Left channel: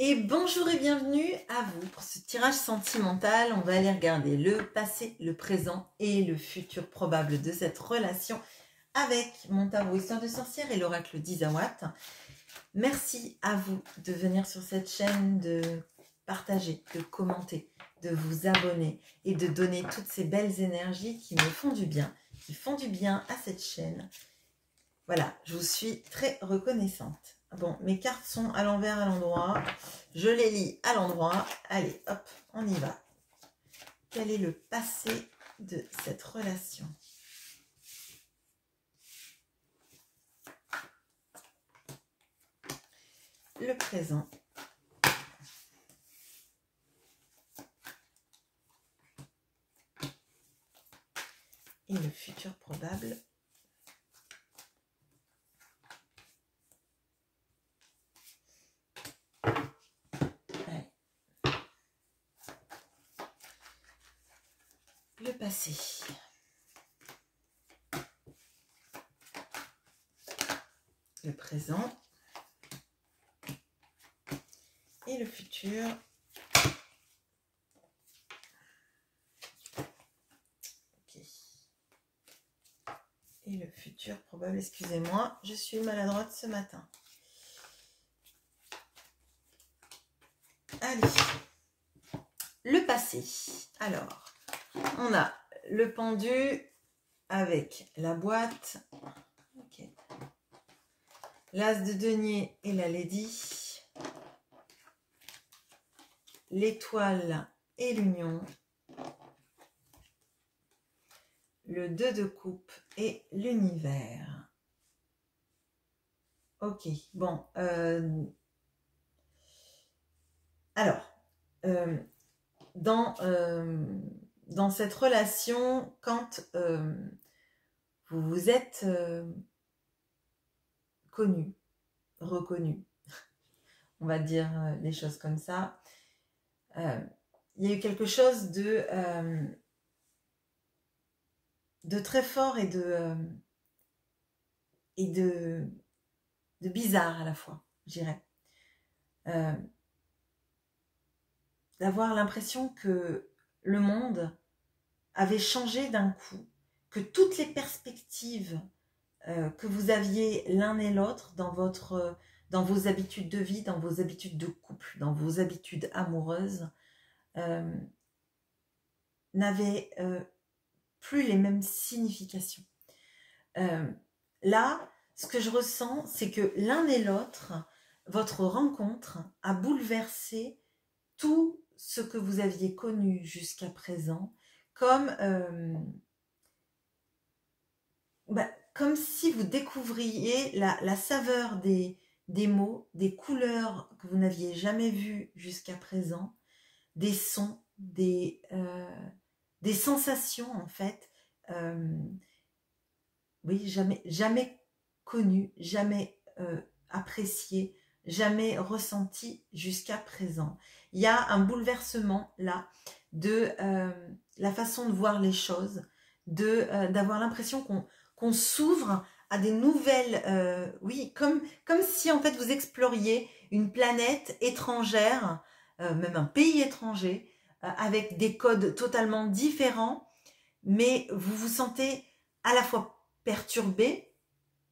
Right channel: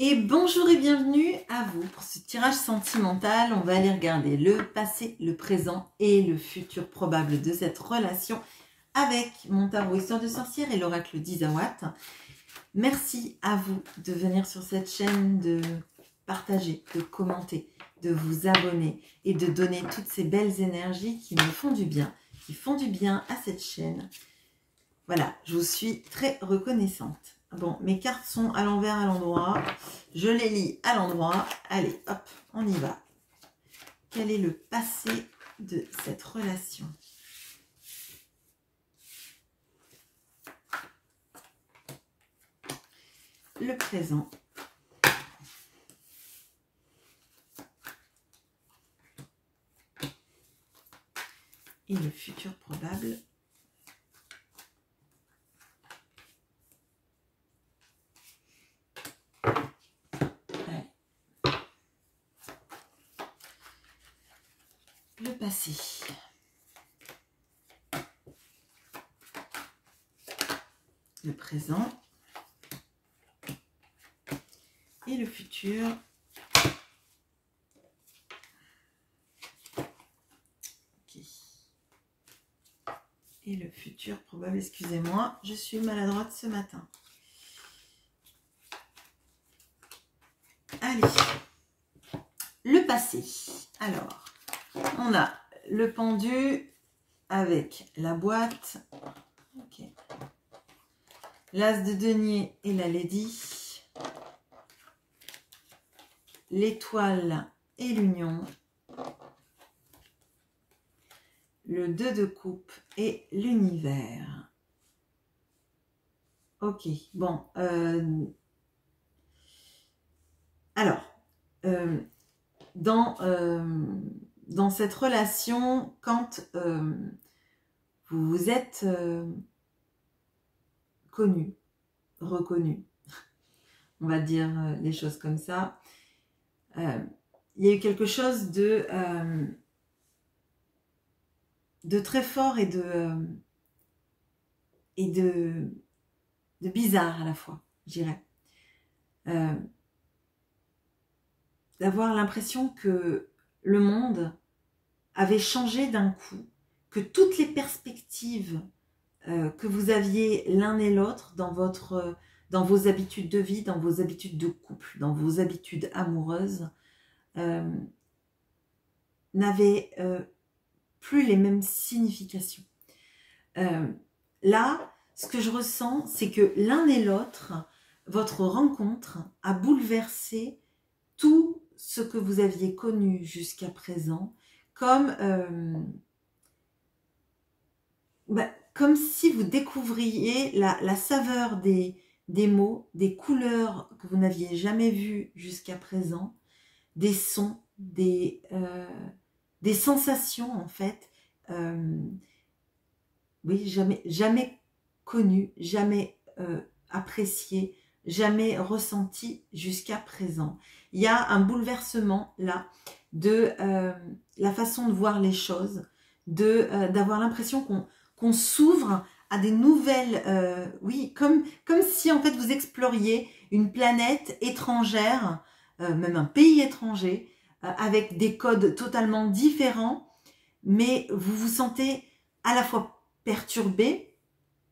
Et bonjour et bienvenue à vous pour ce tirage sentimental. On va aller regarder le passé, le présent et le futur probable de cette relation avec mon tarot Histoire de sorcière et l'oracle d'Isawat. Merci à vous de venir sur cette chaîne, de partager, de commenter, de vous abonner et de donner toutes ces belles énergies qui me font du bien, qui font du bien à cette chaîne. Voilà, je vous suis très reconnaissante. Bon, mes cartes sont à l'envers, à l'endroit. Je les lis à l'endroit. Allez, hop, on y va. Quel est le passé de cette relation? Le présent. Et le futur probable. Le passé. Le présent. Et le futur. Ok. Et le futur probable, excusez-moi, je suis maladroite ce matin. Allez. Le passé. Alors, on a le pendu avec la boîte. Ok. L'as de denier et la lady. L'étoile et l'union. Le 2 de coupe et l'univers. Ok, bon. Alors, dans cette relation, quand vous vous êtes connu, reconnu, on va dire les choses comme ça, il y a eu quelque chose de très fort et de bizarre à la fois, je dirais. D'avoir l'impression que le monde avait changé d'un coup, que toutes les perspectives que vous aviez l'un et l'autre dans vos habitudes de vie, dans vos habitudes de couple, dans vos habitudes amoureuses, n'avaient plus les mêmes significations. Là, ce que je ressens, c'est que l'un et l'autre, votre rencontre a bouleversé tout ce que vous aviez connu jusqu'à présent, comme si vous découvriez la saveur des mots, des couleurs que vous n'aviez jamais vues jusqu'à présent, des sons, des sensations en fait, oui, jamais connues, jamais appréciées, jamais ressenties jusqu'à présent. Il y a un bouleversement là de la façon de voir les choses, d'avoir l'impression qu'on s'ouvre à des nouvelles, oui, comme si en fait vous exploriez une planète étrangère, même un pays étranger, avec des codes totalement différents, mais vous vous sentez à la fois perturbé,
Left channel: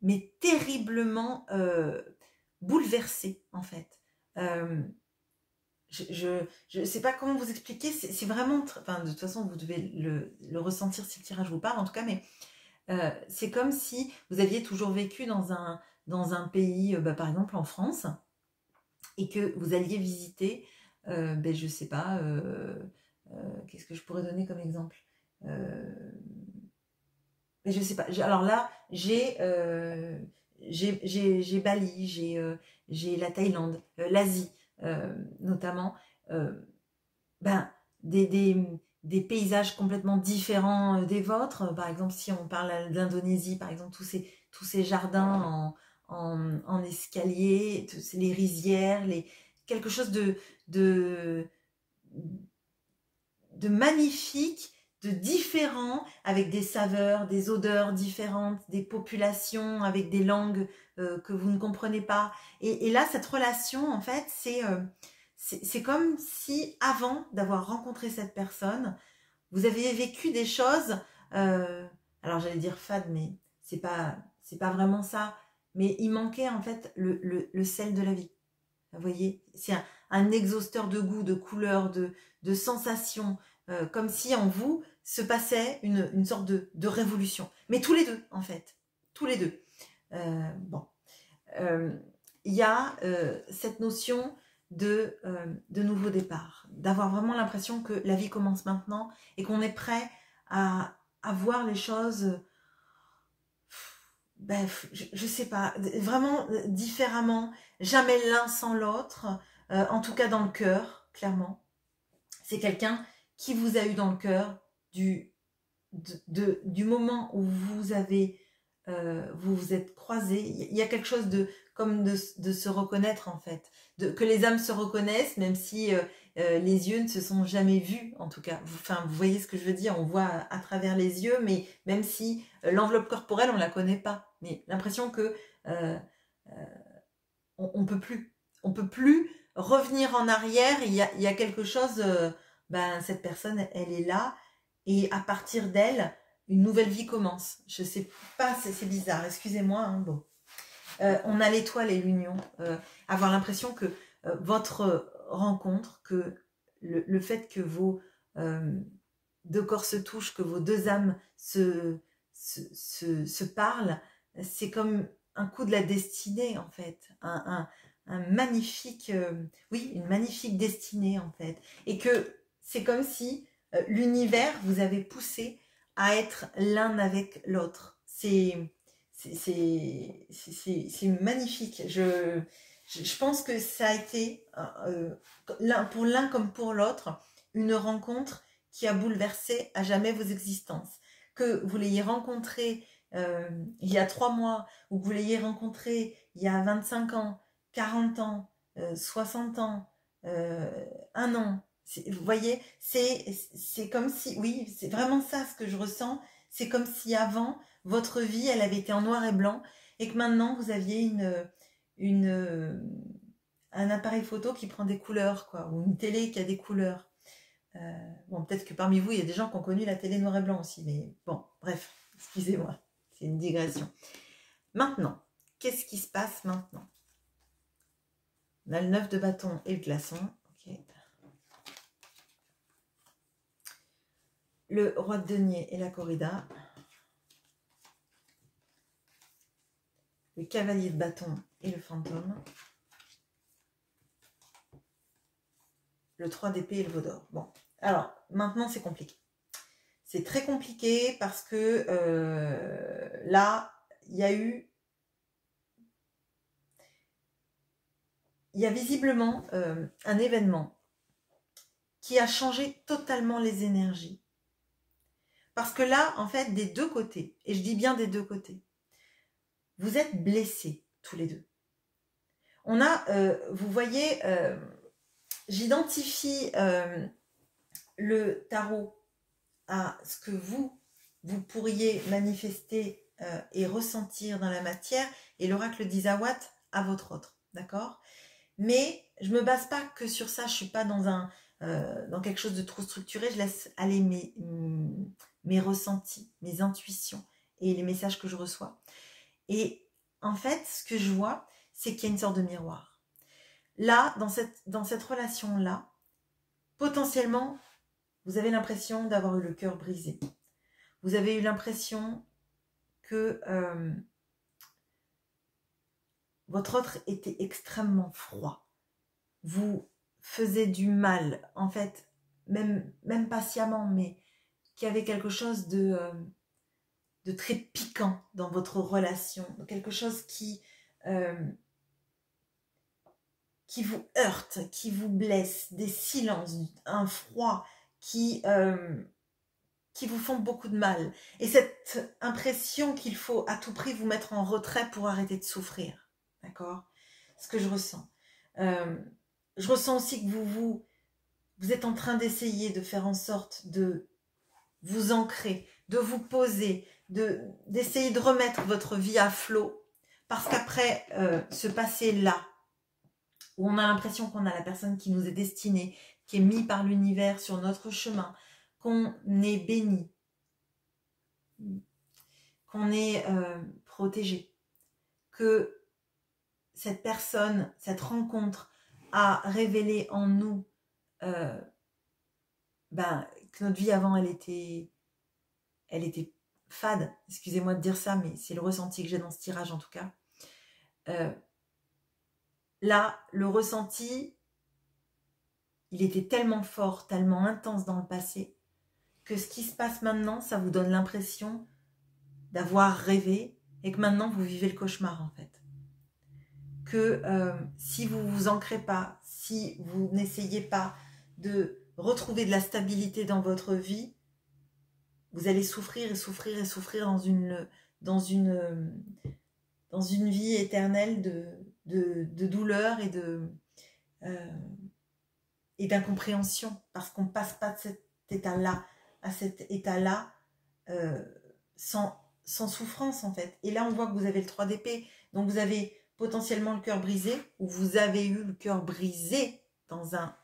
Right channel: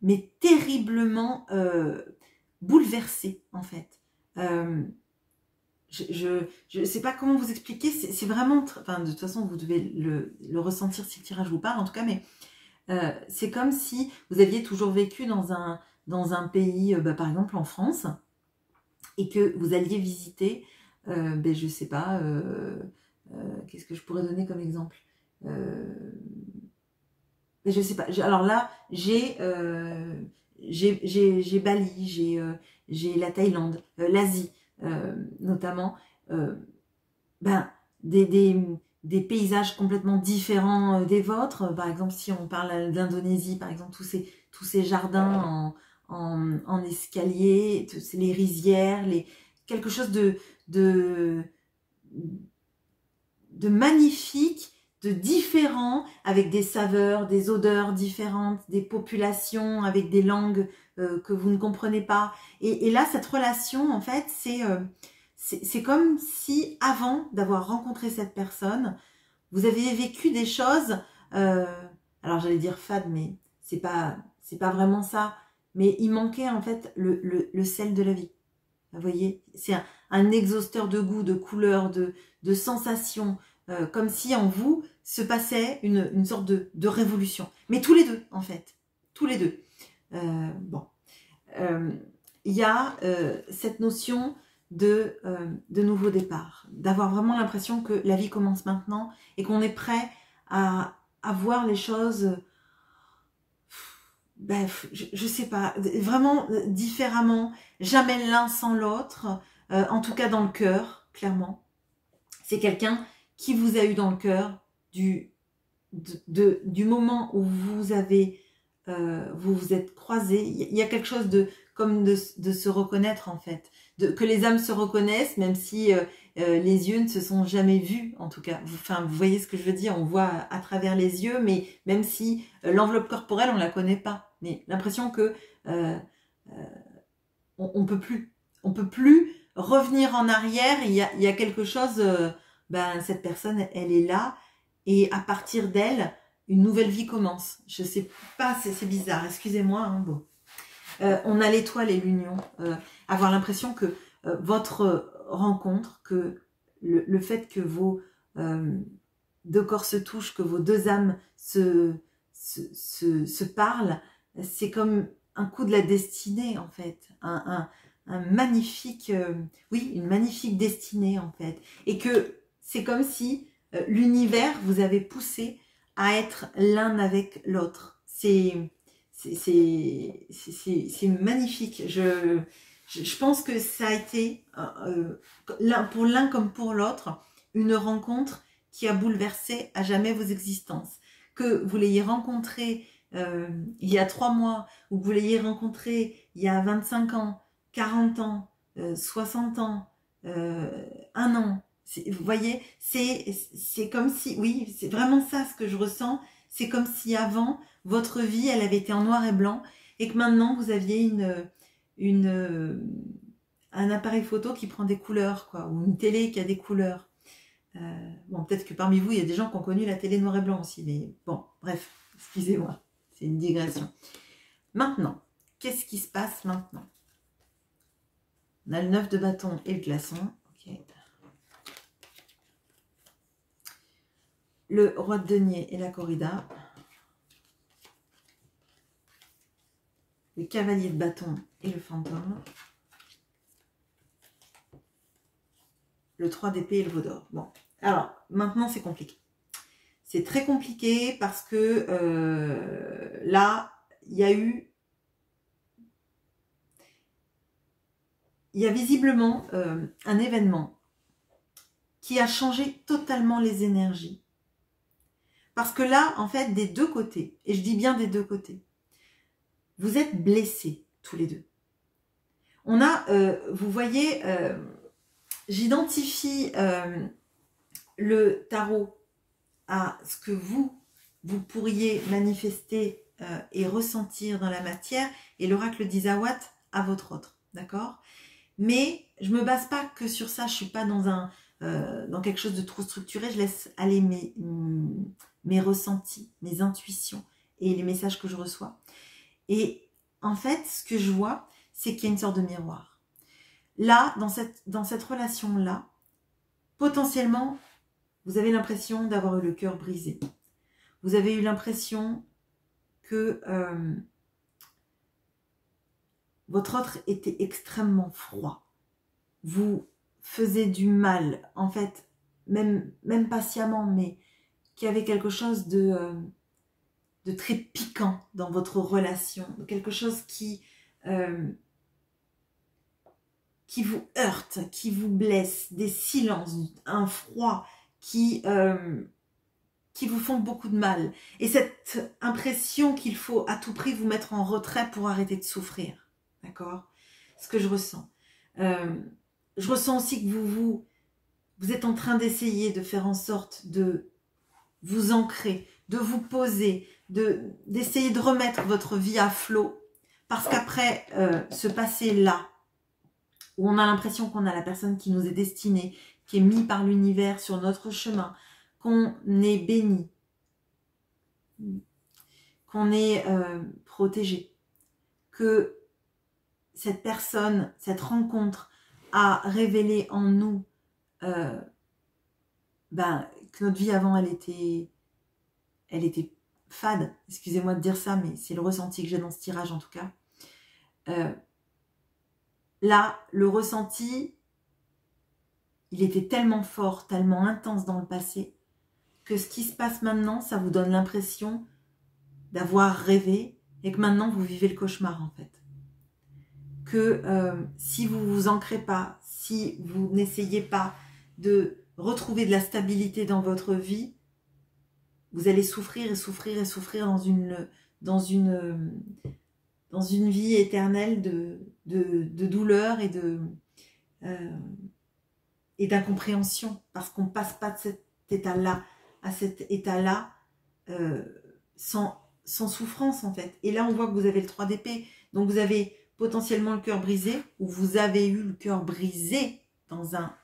mais terriblement bouleversé en fait. Je sais pas comment vous expliquer, c'est vraiment, enfin de toute façon vous devez le ressentir si le tirage vous parle en tout cas, mais c'est comme si vous aviez toujours vécu dans un pays, par exemple en France, et que vous alliez visiter, je sais pas, qu'est-ce que je pourrais donner comme exemple, mais je sais pas, alors là j'ai Bali, j'ai la Thaïlande, l'Asie notamment, des paysages complètement différents des vôtres. Par exemple, si on parle d'Indonésie, par exemple, tous ces jardins en escalier, les rizières, quelque chose de magnifique, de différent, avec des saveurs, des odeurs différentes, des populations avec des langues que vous ne comprenez pas. Et là, cette relation, en fait, c'est comme si, avant d'avoir rencontré cette personne, vous aviez vécu des choses, alors j'allais dire fade, mais c'est pas vraiment ça. Mais il manquait en fait le sel de la vie. Vous voyez, c'est un exhausteur de goût, de couleurs, de sensations, comme si en vous se passait une sorte de révolution. Mais tous les deux, en fait. Tous les deux. Bon. Il y a cette notion de nouveau départ. D'avoir vraiment l'impression que la vie commence maintenant et qu'on est prêt à voir les choses... Bref, je sais pas, vraiment différemment, jamais l'un sans l'autre, en tout cas dans le cœur, clairement. C'est quelqu'un qui vous a eu dans le cœur du moment où vous avez, vous vous êtes croisés. Il y a quelque chose comme de se reconnaître en fait, que les âmes se reconnaissent, même si les yeux ne se sont jamais vus, en tout cas. Enfin, vous voyez ce que je veux dire, on voit à travers les yeux, mais même si l'enveloppe corporelle, on ne la connaît pas. Mais l'impression que on peut plus revenir en arrière. Il y a quelque chose, cette personne, elle est là, et à partir d'elle, une nouvelle vie commence. Je sais pas, c'est bizarre, excusez-moi. Hein, bon. On a l'étoile et l'union. Avoir l'impression que votre rencontre, que le fait que vos deux corps se touchent, que vos deux âmes se parlent, c'est comme un coup de la destinée en fait, un magnifique, oui, une magnifique destinée en fait, et que c'est comme si l'univers vous avait poussé à être l'un avec l'autre. C'est magnifique. Je pense que ça a été, pour l'un comme pour l'autre, une rencontre qui a bouleversé à jamais vos existences. Que vous l'ayez rencontré il y a 3 mois, ou que vous l'ayez rencontré il y a 25 ans, 40 ans, 60 ans, 1 an. Vous voyez, c'est comme si, oui, c'est vraiment ça ce que je ressens. C'est comme si avant, votre vie, elle avait été en noir et blanc, et que maintenant, vous aviez un appareil photo qui prend des couleurs, quoi, ou une télé qui a des couleurs. Bon, peut-être que parmi vous, il y a des gens qui ont connu la télé noir et blanc aussi, mais bon, bref, excusez-moi, c'est une digression. Maintenant, qu'est-ce qui se passe maintenant? On a le 9 de bâton et le glaçon. Okay. Le roi de denier et la corrida. Le cavalier de bâton et le fantôme. Le 3 d'épée et le veau d'or. Bon, alors, maintenant c'est compliqué. C'est très compliqué parce que là, il y a visiblement un événement qui a changé totalement les énergies. Parce que là, en fait, des deux côtés, et je dis bien des deux côtés, vous êtes blessés tous les deux. On a, vous voyez, j'identifie le tarot à ce que vous pourriez manifester et ressentir dans la matière, et l'oracle d'Isawat à votre autre, d'accord? Mais je ne me base pas que sur ça, je ne suis pas dans quelque chose de trop structuré, je laisse aller mes ressentis, mes intuitions et les messages que je reçois. Et en fait, ce que je vois, c'est qu'il y a une sorte de miroir. Là, dans cette relation-là, potentiellement, vous avez l'impression d'avoir eu le cœur brisé. Vous avez eu l'impression que votre autre était extrêmement froid. Vous faisiez du mal, en fait, même patiemment, mais qu'il y avait quelque chose de très piquant dans votre relation, quelque chose qui vous heurte, qui vous blesse, des silences, un froid qui vous font beaucoup de mal. Et cette impression qu'il faut à tout prix vous mettre en retrait pour arrêter de souffrir. D'accord? Ce que je ressens. Je ressens aussi que vous êtes en train d'essayer de faire en sorte de vous ancrer, de vous poser, d'essayer de remettre votre vie à flot. Parce qu'après ce passé-là, où on a l'impression qu'on a la personne qui nous est destinée, qui est mise par l'univers sur notre chemin, qu'on est béni, qu'on est protégé, que cette personne, cette rencontre a révélé en nous que notre vie avant, elle était fade. Excusez-moi de dire ça, mais c'est le ressenti que j'ai dans ce tirage en tout cas. Là, le ressenti, il était tellement fort, tellement intense dans le passé, que ce qui se passe maintenant, ça vous donne l'impression d'avoir rêvé et que maintenant vous vivez le cauchemar en fait. Que si vous vous ancrez pas, si vous n'essayez pas de retrouver de la stabilité dans votre vie, vous allez souffrir et souffrir et souffrir dans une vie éternelle de douleur et d'incompréhension, parce qu'on ne passe pas de cet état-là à cet état-là sans souffrance en fait. Et là on voit que vous avez le 3 d'épée, donc vous avez potentiellement le cœur brisé, ou vous avez eu le cœur brisé dans un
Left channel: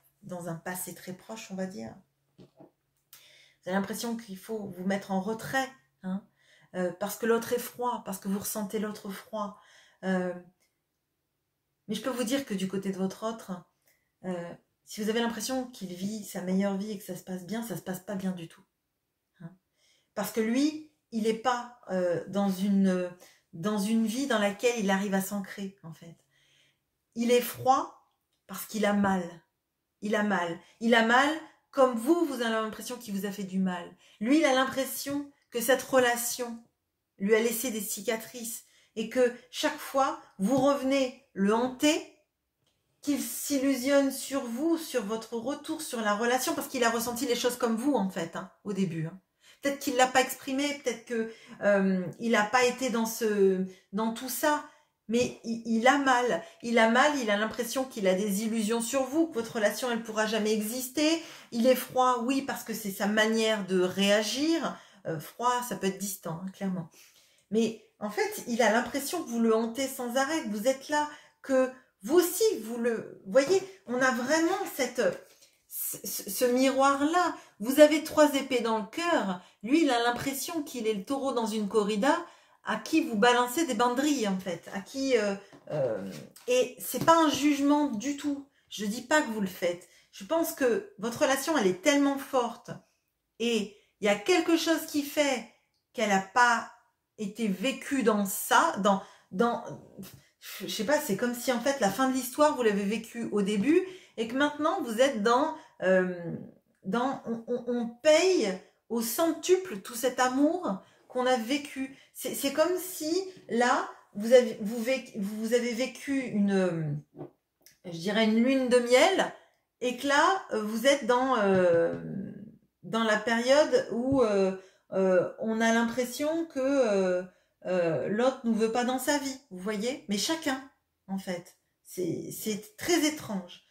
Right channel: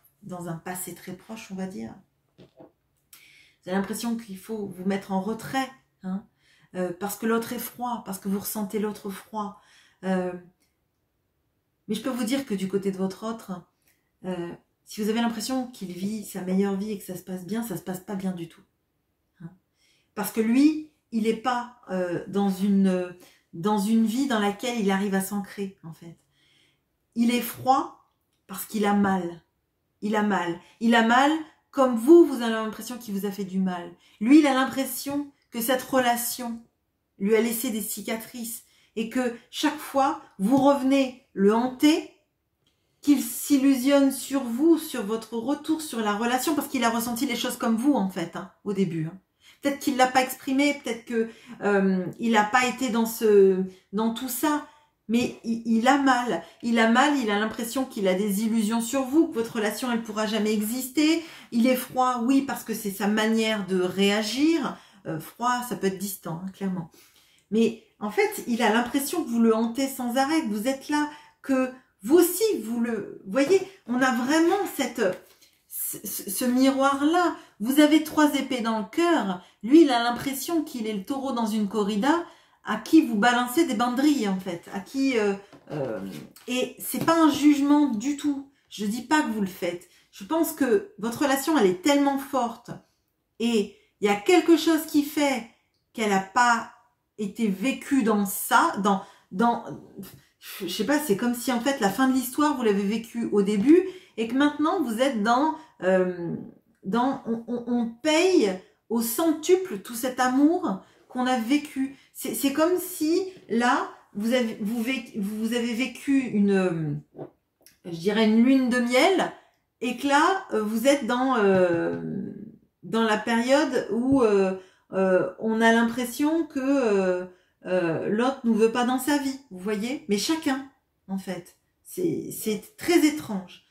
passé très proche, on va dire. Vous avez l'impression qu'il faut vous mettre en retrait, hein, parce que l'autre est froid, parce que vous ressentez l'autre froid. Mais je peux vous dire que du côté de votre autre, si vous avez l'impression qu'il vit sa meilleure vie et que ça se passe bien, ça se passe pas bien du tout. Hein. Parce que lui, il n'est pas dans une vie dans laquelle il arrive à s'ancrer, en fait. Il est froid parce qu'il a mal. Il a mal. Il a mal comme vous avez l'impression qu'il vous a fait du mal. Lui, il a l'impression que cette relation lui a laissé des cicatrices et que chaque fois, vous revenez le hanter, qu'il s'illusionne sur vous, sur votre retour, sur la relation, parce qu'il a ressenti les choses comme vous, en fait, hein, au début. Hein. Peut-être qu'il ne l'a pas exprimé, peut-être qu'il n'a pas été dans tout ça, mais il a mal. Il a mal, il a l'impression qu'il a des illusions sur vous, que votre relation, elle ne pourra jamais exister. Il est froid, oui, parce que c'est sa manière de réagir. Froid, ça peut être distant, hein, clairement. Mais en fait, il a l'impression que vous le hantez sans arrêt, que vous êtes là, que vous aussi, vous le voyez. On a vraiment ce miroir-là. Vous avez 3 épées dans le cœur. Lui, il a l'impression qu'il est le taureau dans une corrida à qui vous balancez des banderilles, en fait. À qui et c'est pas un jugement du tout. Je dis pas que vous le faites. Je pense que votre relation, elle est tellement forte. Et il y a quelque chose qui fait qu'elle n'a pas été vécue dans ça, je sais pas, c'est comme si en fait la fin de l'histoire, vous l'avez vécue au début et que maintenant vous êtes on paye au centuple tout cet amour qu'on a vécu. C'est comme si là, vous avez vécu je dirais une lune de miel et que là, vous êtes dans la période où on a l'impression que l'autre ne nous veut pas dans sa vie, vous voyez, mais chacun, en fait. C'est très étrange.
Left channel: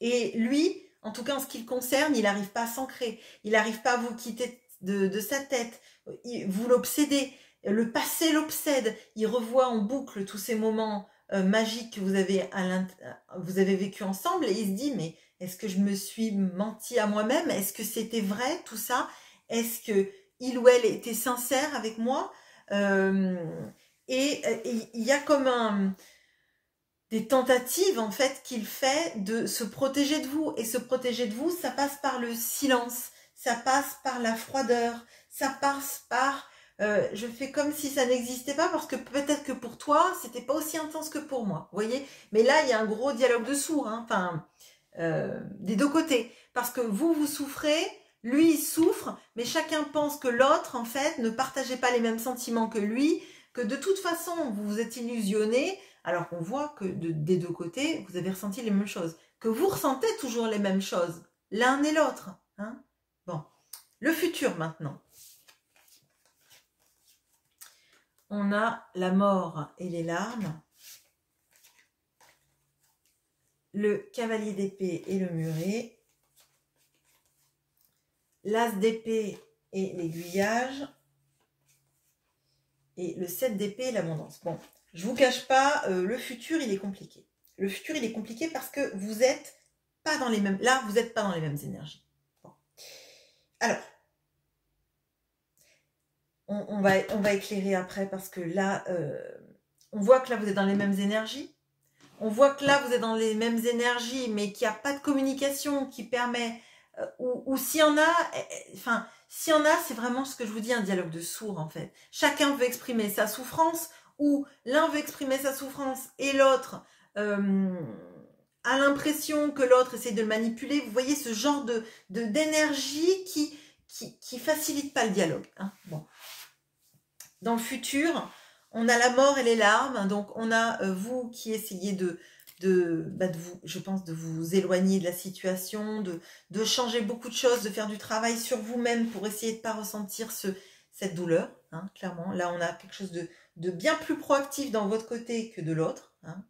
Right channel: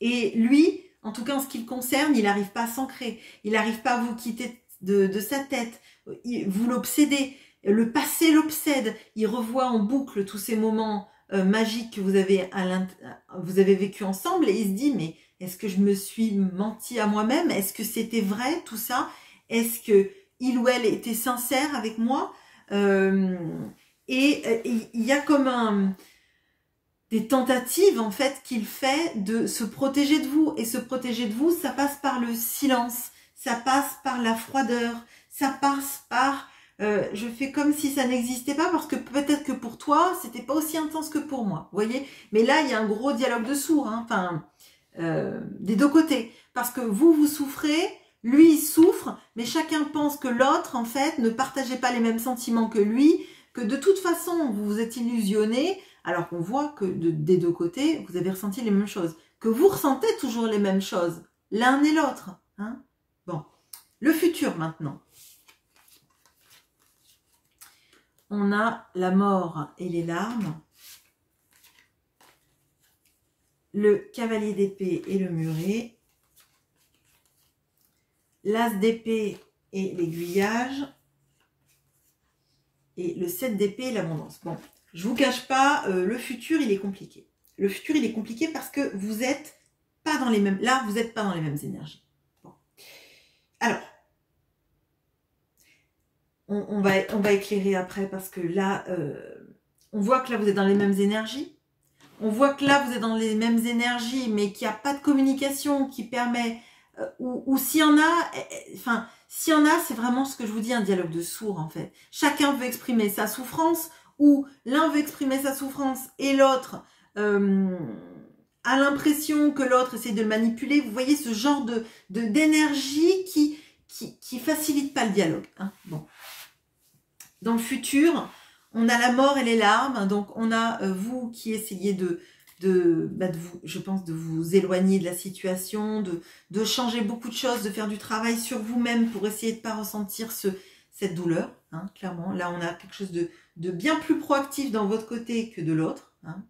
Et lui, en tout cas en ce qui le concerne, il n'arrive pas à s'ancrer, il n'arrive pas à vous quitter de sa tête, vous l'obsédez, le passé l'obsède, il revoit en boucle tous ces moments magiques que vous avez vécu ensemble et il se dit, mais est-ce que je me suis menti à moi-même? Est-ce que c'était vrai tout ça? Est-ce que il ou elle était sincère avec moi? Et il y a comme des tentatives en fait qu'il fait de se protéger de vous. Et se protéger de vous, ça passe par le silence, ça passe par la froideur, ça passe par je fais comme si ça n'existait pas parce que peut-être que pour toi, c'était pas aussi intense que pour moi. Vous voyez? Mais là, il y a un gros dialogue de sourds, hein, enfin, des deux côtés. Parce que vous souffrez, lui, il souffre, mais chacun pense que l'autre, en fait, ne partageait pas les mêmes sentiments que lui, que de toute façon, vous vous êtes illusionné, alors qu'on voit que des deux côtés, vous avez ressenti les mêmes choses. Que vous ressentez toujours les mêmes choses, l'un et l'autre. Hein. Bon, le futur maintenant. On a la mort et les larmes, le cavalier d'épée et le muret, l'as d'épée et l'aiguillage, et le 7 d'épée et l'abondance. Bon, je vous cache pas, le futur, il est compliqué. le futur, il est compliqué parce que vous n'êtes pas dans les mêmes... Là, vous n'êtes pas dans les mêmes énergies. Bon. Alors, on va éclairer après parce que là, on voit que là, vous êtes dans les mêmes énergies. On voit que là, vous êtes dans les mêmes énergies, mais qu'il n'y a pas de communication qui permet... ou s'il y en a... Enfin, s'il y en a, c'est vraiment ce que je vous dis, un dialogue de sourds, en fait. Chacun veut exprimer sa souffrance, ou l'un veut exprimer sa souffrance, et l'autre a l'impression que l'autre essaie de le manipuler. Vous voyez ce genre d'énergie qui facilite pas le dialogue. Hein. Bon. Dans le futur, on a la mort et les larmes. Donc, on a vous qui essayez je pense, de vous éloigner de la situation, de changer beaucoup de choses, de faire du travail sur vous-même pour essayer de ne pas ressentir cette douleur. Hein, clairement, là, on a quelque chose de bien plus proactif dans votre côté que de l'autre. Hein.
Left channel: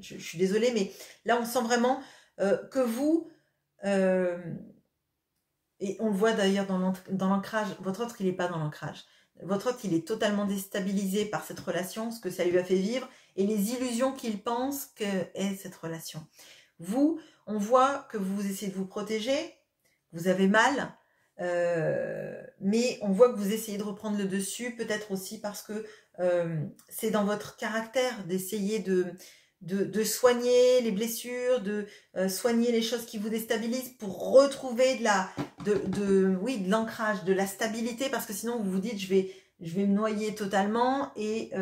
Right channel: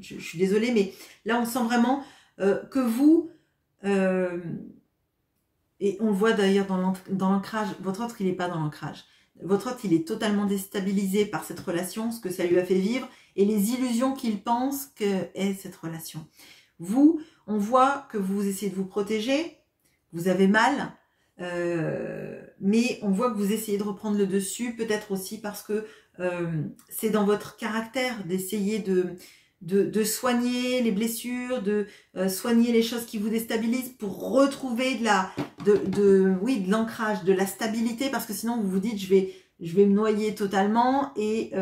Je suis désolée, mais là, on sent vraiment que vous... et on le voit d'ailleurs dans l'ancrage, votre autre, il n'est pas dans l'ancrage. Votre autre, il est totalement déstabilisé par cette relation, ce que ça lui a fait vivre, et les illusions qu'il pense qu'est cette relation. Vous, on voit que vous essayez de vous protéger, vous avez mal, mais on voit que vous essayez de reprendre le dessus, peut-être aussi parce que c'est dans votre caractère d'essayer de soigner les blessures, de soigner les choses qui vous déstabilisent pour retrouver de l'ancrage, de la stabilité, parce que sinon vous vous dites je vais me noyer totalement et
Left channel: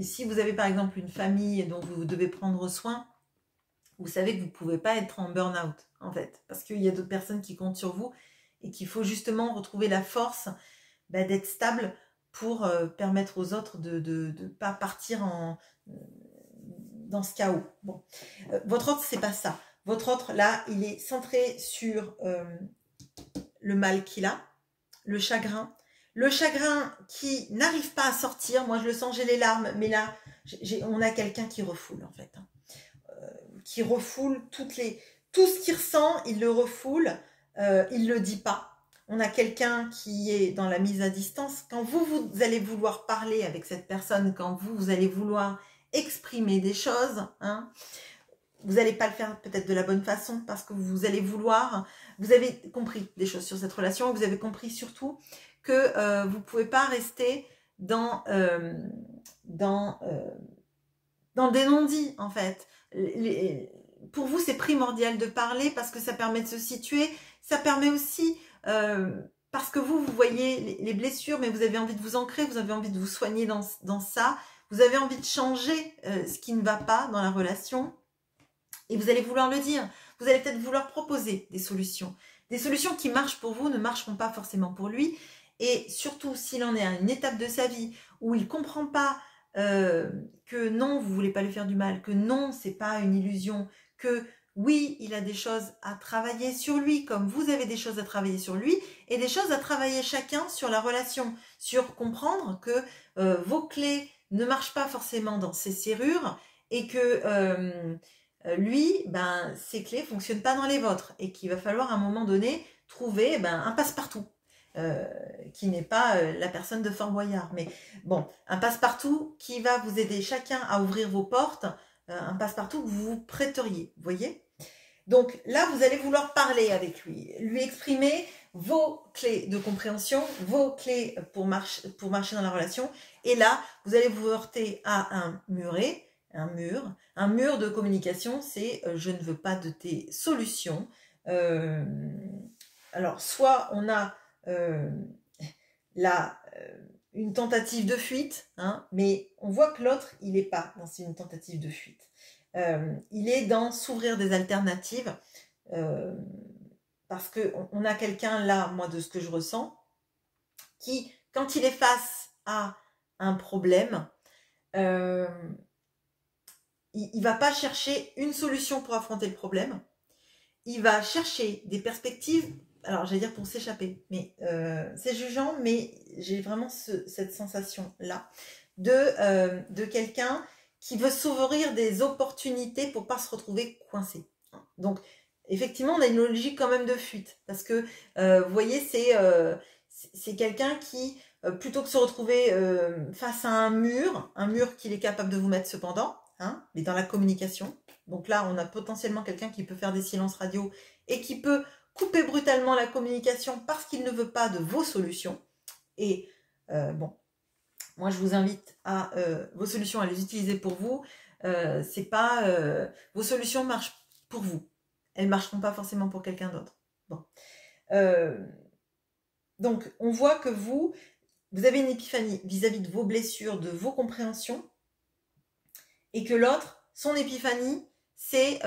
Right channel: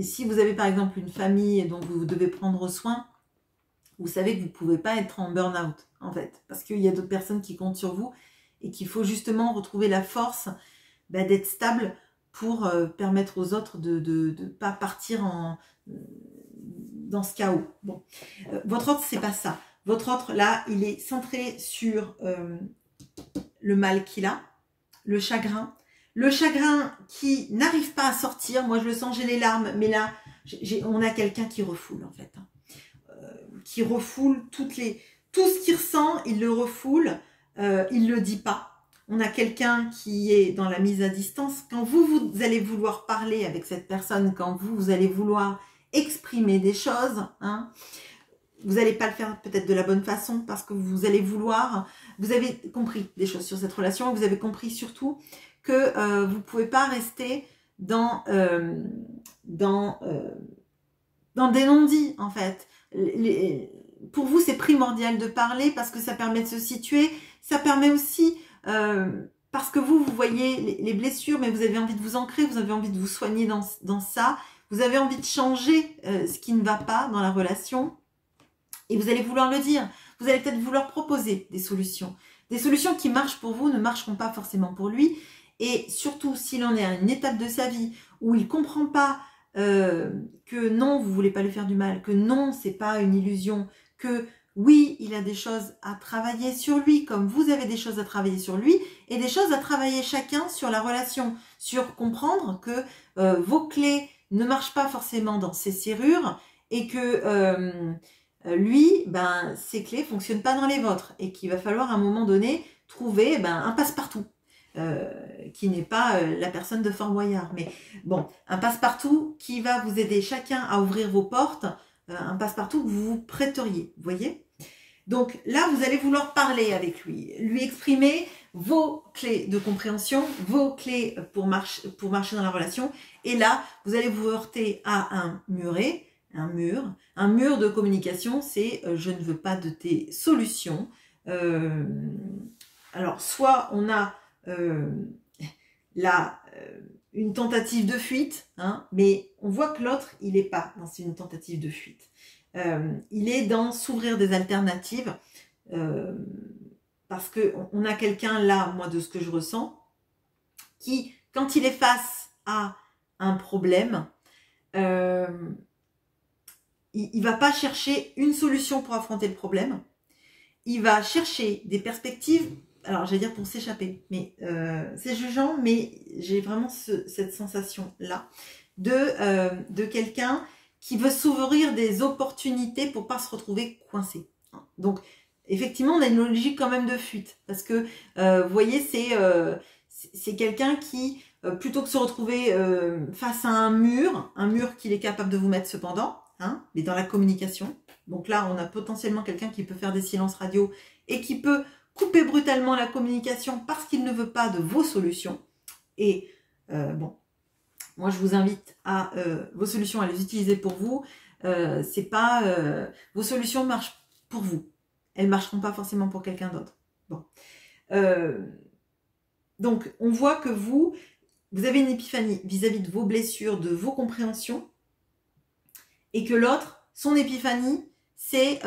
si vous avez par exemple une famille dont vous devez prendre soin, vous savez que vous ne pouvez pas être en burn-out en fait, parce qu'il y a d'autres personnes qui comptent sur vous et qu'il faut justement retrouver la force d'être stable pour permettre aux autres de ne pas partir dans ce chaos. Bon. Votre autre, c'est pas ça. Votre autre, là, il est centré sur le mal qu'il a, le chagrin qui n'arrive pas à sortir. Moi, je le sens, j'ai les larmes, mais là, on a quelqu'un qui refoule, en fait. Qui refoule tout ce qu'il ressent, il le refoule, il ne le dit pas. On a quelqu'un qui est dans la mise à distance. Quand vous allez vouloir parler avec cette personne, quand vous allez vouloir exprimer des choses, hein, vous n'allez pas le faire peut-être de la bonne façon parce que vous allez vouloir, vous avez compris des choses sur cette relation, vous avez compris surtout que vous ne pouvez pas rester dans des non-dits en fait. Pour vous, c'est primordial de parler parce que ça permet de se situer, ça permet aussi, parce que vous voyez les blessures, mais vous avez envie de vous ancrer, vous avez envie de vous soigner dans ça, vous avez envie de changer ce qui ne va pas dans la relation et vous allez vouloir le dire. Vous allez peut-être vouloir proposer des solutions. Des solutions qui marchent pour vous ne marcheront pas forcément pour lui. Et surtout, s'il en est à une étape de sa vie où il ne comprend pas que non, vous ne voulez pas lui faire du mal, que non, ce n'est pas une illusion, que oui, il a des choses à travailler sur lui, comme vous avez des choses à travailler sur lui, et des choses à travailler chacun sur la relation, sur comprendre que vos clés ne marchent pas forcément dans ses serrures, et que lui, ses clés ne fonctionnent pas dans les vôtres, et qu'il va falloir à un moment donné trouver un passe-partout. Qui n'est pas la personne de Fort Boyard, mais bon, un passe-partout qui va vous aider chacun à ouvrir vos portes, un passe-partout que vous vous prêteriez, vous voyez. Donc là, vous allez vouloir parler avec lui exprimer vos clés de compréhension, vos clés pour marcher dans la relation, et là, vous allez vous heurter à un muret, un mur de communication, c'est je ne veux pas de tes solutions. Alors, soit on a une tentative de fuite, hein, mais on voit que l'autre, il n'est pas dans une tentative de fuite. Il est dans s'ouvrir des alternatives, parce qu'on a quelqu'un là, moi, de ce que je ressens, qui, quand il est face à un problème, il ne va pas chercher une solution pour affronter le problème, il va chercher des perspectives. Alors, j'allais dire pour s'échapper, mais c'est jugeant, mais j'ai vraiment cette sensation-là de quelqu'un qui veut s'ouvrir des opportunités pour ne pas se retrouver coincé. Donc, effectivement, on a une logique quand même de fuite, parce que, vous voyez, c'est quelqu'un qui, plutôt que de se retrouver face à un mur qu'il est capable de vous mettre cependant, hein, mais dans la communication. Donc là, on a potentiellement quelqu'un qui peut faire des silences radio et qui peut couper brutalement la communication parce qu'il ne veut pas de vos solutions. Et bon, moi je vous invite à vos solutions à les utiliser pour vous. C'est pas vos solutions marchent pour vous. Elles ne marcheront pas forcément pour quelqu'un d'autre. Bon. Donc, on voit que vous avez une épiphanie vis-à-vis de vos blessures, de vos compréhensions, et que l'autre, son épiphanie, c'est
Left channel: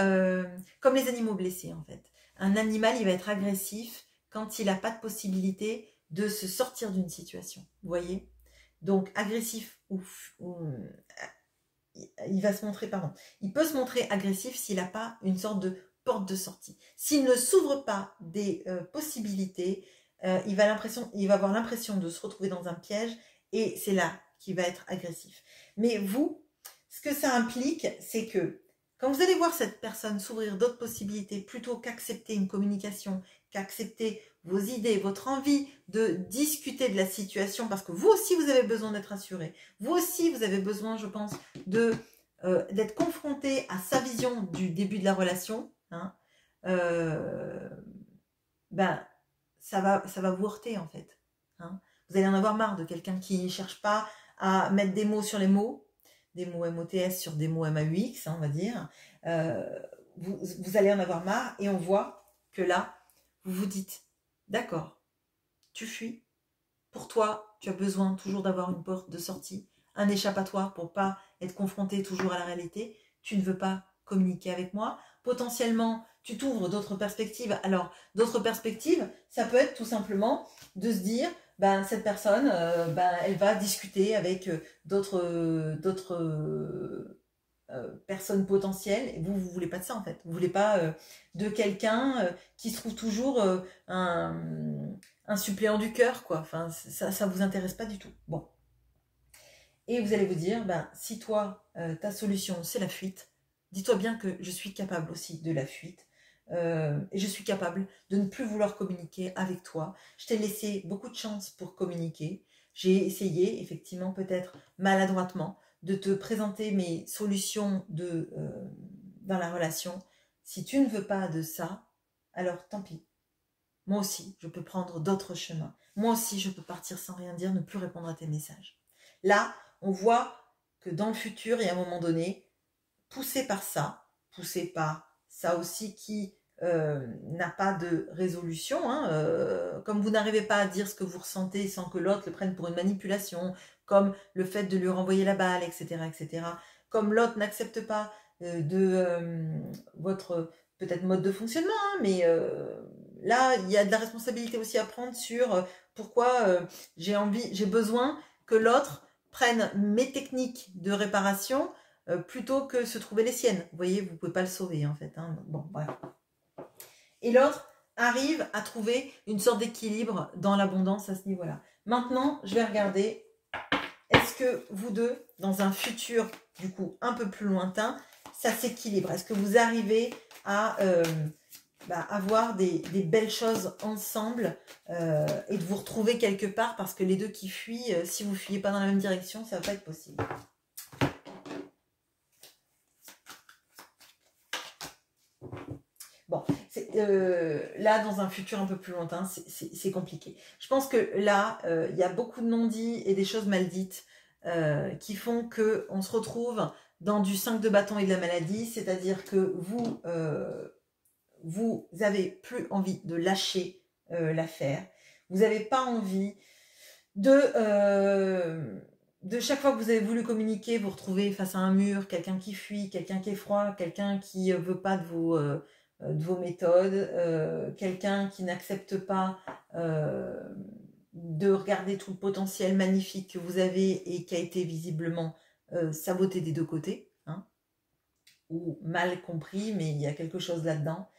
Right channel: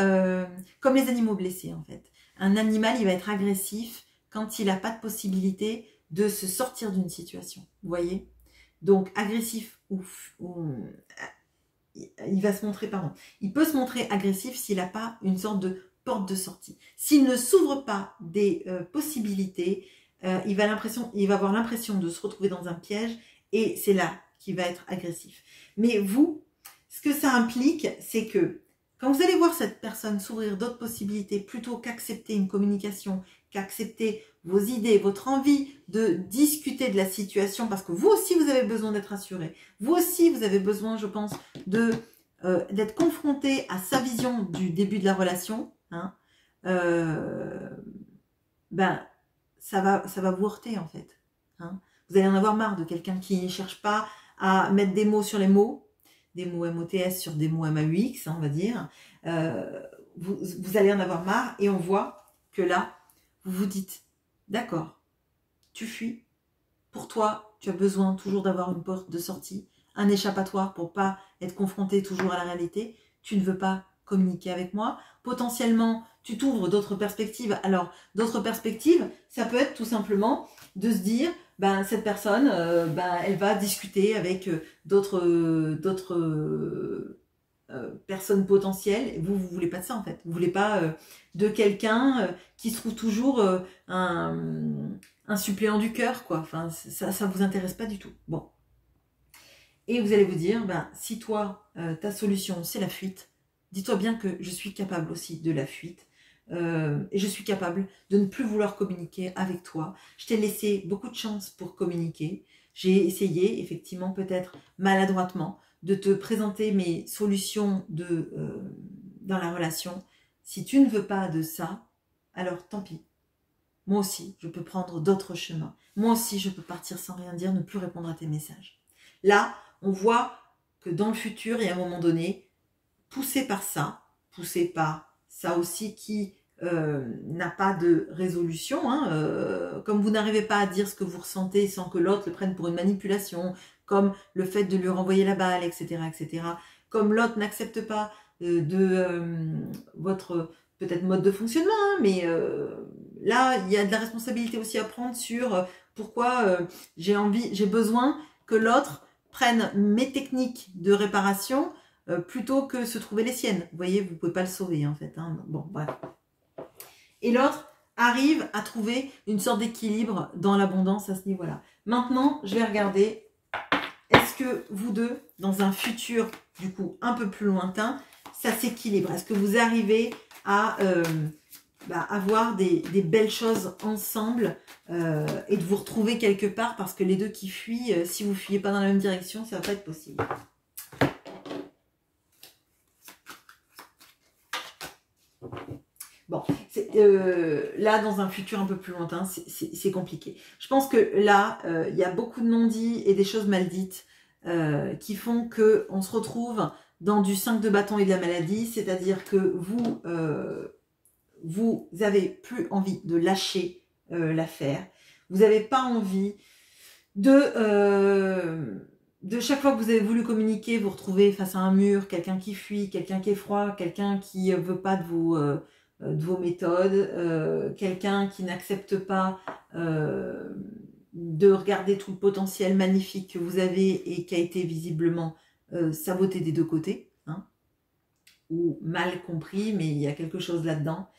comme les animaux blessés, en fait. Un animal, il va être agressif quand il n'a pas de possibilité de se sortir d'une situation. Vous voyez? Donc, agressif il va se montrer, pardon, il peut se montrer agressif s'il n'a pas une sorte de porte de sortie. S'il ne s'ouvre pas des possibilités, il va avoir l'impression de se retrouver dans un piège et c'est là qu'il va être agressif. Mais vous, ce que ça implique, c'est que quand vous allez voir cette personne s'ouvrir d'autres possibilités plutôt qu'accepter une communication, qu'accepter vos idées, votre envie de discuter de la situation, parce que vous aussi, vous avez besoin d'être assuré. Vous aussi, vous avez besoin, je pense, d'être confronté à sa vision du début de la relation. Hein, ben, ça va vous heurter, en fait. Hein. Vous allez en avoir marre de quelqu'un qui ne cherche pas à mettre des mots sur les mots, des mots MOTS sur des mots MAUX, hein, on va dire. Vous allez en avoir marre et on voit que là, vous vous dites, d'accord, tu fuis. Pour toi, tu as besoin toujours d'avoir une porte de sortie, un échappatoire pour pas être confronté toujours à la réalité. Tu ne veux pas communiquer avec moi. Potentiellement, tu t'ouvres d'autres perspectives. Alors, d'autres perspectives, ça peut être tout simplement de se dire, ben, cette personne, elle va discuter avec d'autres personnes potentielles. Vous voulez pas de ça, en fait. Vous voulez pas de quelqu'un qui se trouve toujours un suppléant du cœur, quoi. Enfin, ça vous intéresse pas du tout. Bon. Et vous allez vous dire, ben, si toi, ta solution, c'est la fuite, dis-toi bien que je suis capable aussi de la fuite. Et je suis capable de ne plus vouloir communiquer avec toi. Je t'ai laissé beaucoup de chance pour communiquer. J'ai essayé, effectivement, peut-être maladroitement, de te présenter mes solutions dans la relation. Si tu ne veux pas de ça, alors tant pis. Moi aussi, je peux prendre d'autres chemins. Moi aussi, je peux partir sans rien dire, ne plus répondre à tes messages. Là, on voit que dans le futur, et à un moment donné, poussé par ça aussi qui n'a pas de résolution, hein, comme vous n'arrivez pas à dire ce que vous ressentez sans que l'autre le prenne pour une manipulation, comme le fait de lui renvoyer la balle, etc., comme l'autre n'accepte pas votre peut-être mode de fonctionnement, hein, mais là, il y a de la responsabilité aussi à prendre sur pourquoi j'ai besoin que l'autre prenne mes techniques de réparation plutôt que se trouver les siennes. Vous voyez, vous ne pouvez pas le sauver, en fait. Hein. Bon, bref. Et l'autre arrive à trouver une sorte d'équilibre dans l'abondance à ce niveau-là. Maintenant, je vais regarder, est-ce que vous deux, dans un futur, du coup, un peu plus lointain, ça s'équilibre? Est-ce que vous arrivez à avoir des belles choses ensemble et de vous retrouver quelque part, parce que les deux qui fuient, si vous ne fuyez pas dans la même direction, ça ne va pas être possible. Bon, là, dans un futur un peu plus lointain, c'est compliqué. Je pense que là, il y a beaucoup de non-dits et des choses mal dites qui font qu'on se retrouve dans du 5 de bâton et de la maladie, c'est-à-dire que vous n'avez plus envie de lâcher l'affaire. Vous n'avez pas envie de chaque fois que vous avez voulu communiquer, vous retrouvez face à un mur, quelqu'un qui fuit, quelqu'un qui est froid, quelqu'un qui ne veut pas de vos méthodes, quelqu'un qui n'accepte pas de regarder tout le potentiel magnifique que vous avez et qui a été visiblement saboté des deux côtés, hein, ou mal compris, mais il y a quelque chose là-dedans.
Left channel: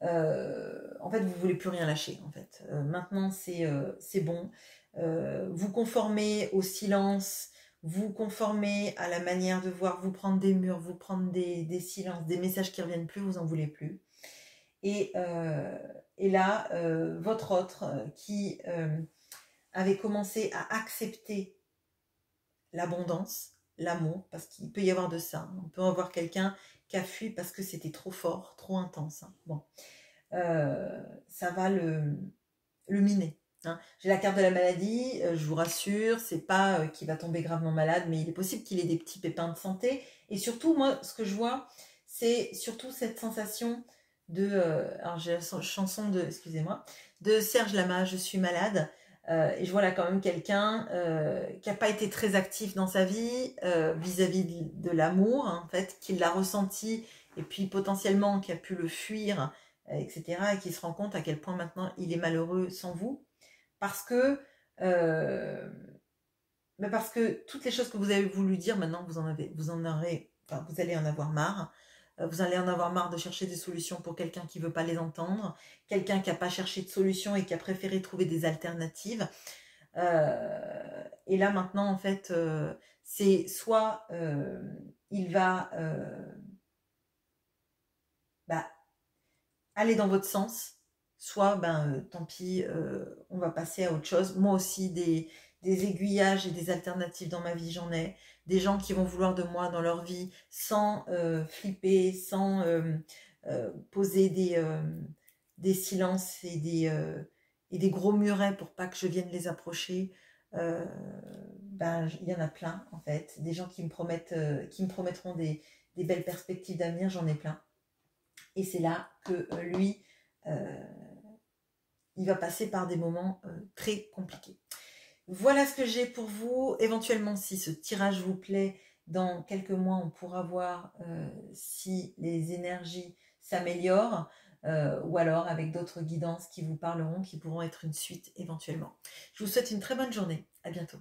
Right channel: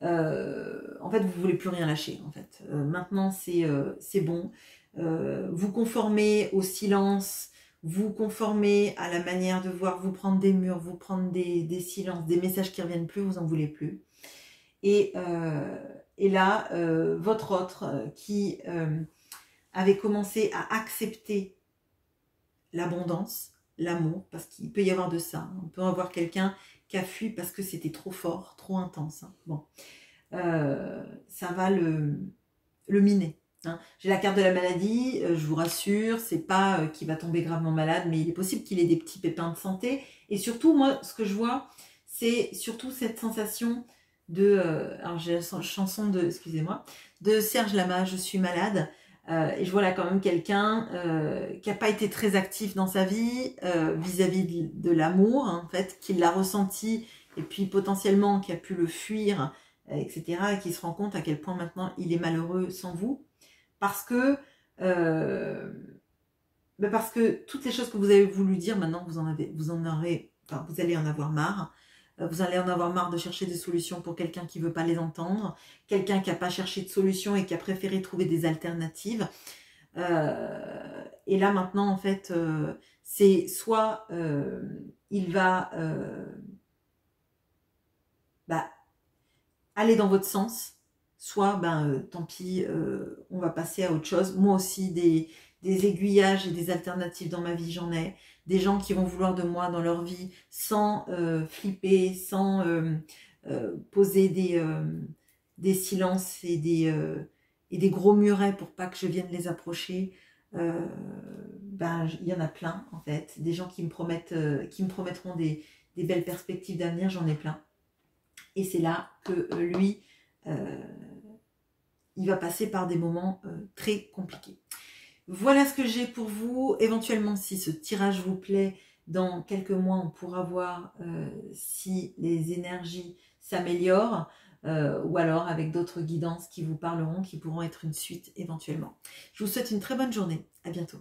En fait, vous ne voulez plus rien lâcher. En fait. Maintenant, c'est bon. Vous conformez au silence, vous conformez à la manière de voir, vous prendre des murs, vous prendre des silences, des messages qui ne reviennent plus, vous n'en voulez plus. Et là, votre autre qui avait commencé à accepter l'abondance, l'amour, parce qu'il peut y avoir de ça. On peut avoir quelqu'un qui a fui parce que c'était trop fort, trop intense. Hein. Bon, ça va le miner. Hein. J'ai la carte de la maladie, je vous rassure, c'est pas qu'il va tomber gravement malade, mais il est possible qu'il ait des petits pépins de santé. Et surtout, moi, ce que je vois, c'est surtout cette sensation de... alors j'ai la chanson de, excusez-moi, de Serge Lama, Je suis malade. Et je vois là quand même quelqu'un qui n'a pas été très actif dans sa vie vis-à-vis de l'amour, hein, en fait, qui l'a ressenti et puis potentiellement qui a pu le fuir, etc. Et qui se rend compte à quel point maintenant il est malheureux sans vous. Parce que, parce que toutes les choses que vous avez voulu dire, maintenant vous allez en avoir marre. Vous allez en avoir marre de chercher des solutions pour quelqu'un qui ne veut pas les entendre, quelqu'un qui n'a pas cherché de solution et qui a préféré trouver des alternatives. Et là maintenant, en fait, c'est soit il va aller dans votre sens, soit tant pis, on va passer à autre chose. Moi aussi, des aiguillages et des alternatives dans ma vie, j'en ai. Des gens qui vont vouloir de moi dans leur vie sans flipper, sans poser des silences et des gros murets pour pas que je vienne les approcher. Il y en a plein en fait. Des gens qui me promettront des belles perspectives d'avenir, j'en ai plein. Et c'est là que lui, il va passer par des moments très compliqués. Voilà ce que j'ai pour vous. Éventuellement, si ce tirage vous plaît, dans quelques mois, on pourra voir si les énergies s'améliorent ou alors avec d'autres guidances qui vous parleront, qui pourront être une suite éventuellement. Je vous souhaite une très bonne journée. À bientôt.